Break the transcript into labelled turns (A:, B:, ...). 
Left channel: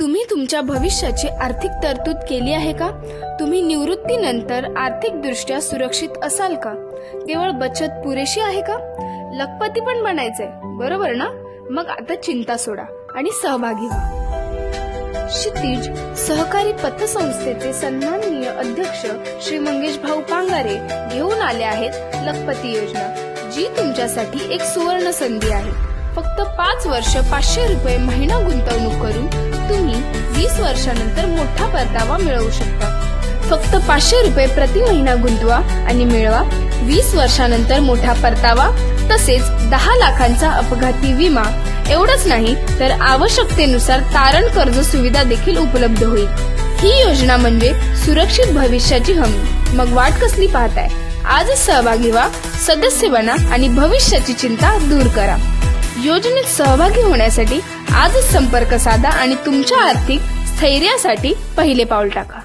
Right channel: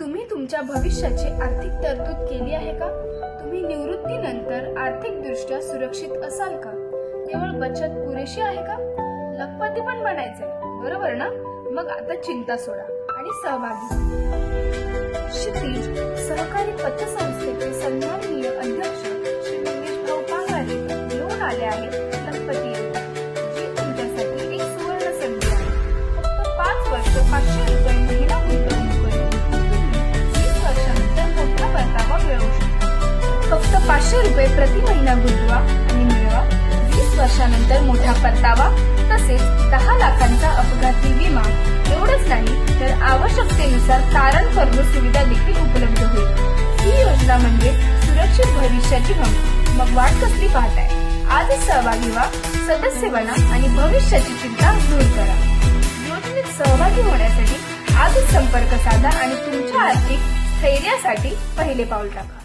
A: तुम्ही तुमच्या भविष्याची आर्थिक तरतूद केली आहे का? तुम्ही निवृत्तीनंतर आर्थिकदृष्ट्या सुरक्षित असाल का? केवळ बचत पुरेशी आहे का? लखपती पण बनायचंय बरोबर ना? मग आता चिंता सोडा आणि सहभागी व्हा. क्षितिज सहकारी पतसंस्थेचे सन्माननीय अध्यक्ष श्री मंगेश भाऊ पांगारे घेऊन आले आहेत लखपती योजना जी तुमच्यासाठी एक सुवर्ण संधी आहे. फक्त पाच वर्ष पाचशे रुपये महिना गुंतवणूक करून वर्षानंतर मोठा परतावा मिळवू शकता. फक्त पाचशे रुपये प्रति महिना गुंतवा आणि मिळवा. वीस वर्षानंतर मोठा परतावा तसेच दहा लाखांचा अपघाती विमा. एवढंच नाही तर आवश्यकतेनुसार तारण कर्ज सुविधा देखील उपलब्ध होईल. ही योजना म्हणजे सुरक्षित भविष्याची हमी. मग वाट कसली पाहताय? आजच सहभागी व्हा सदस्य बना आणि भविष्याची चिंता दूर करा. योजनेत सहभागी होण्यासाठी आजच संपर्क साधा आणि तुमच्या आर्थिक स्थैर्यासाठी पहिले पाऊल टाका.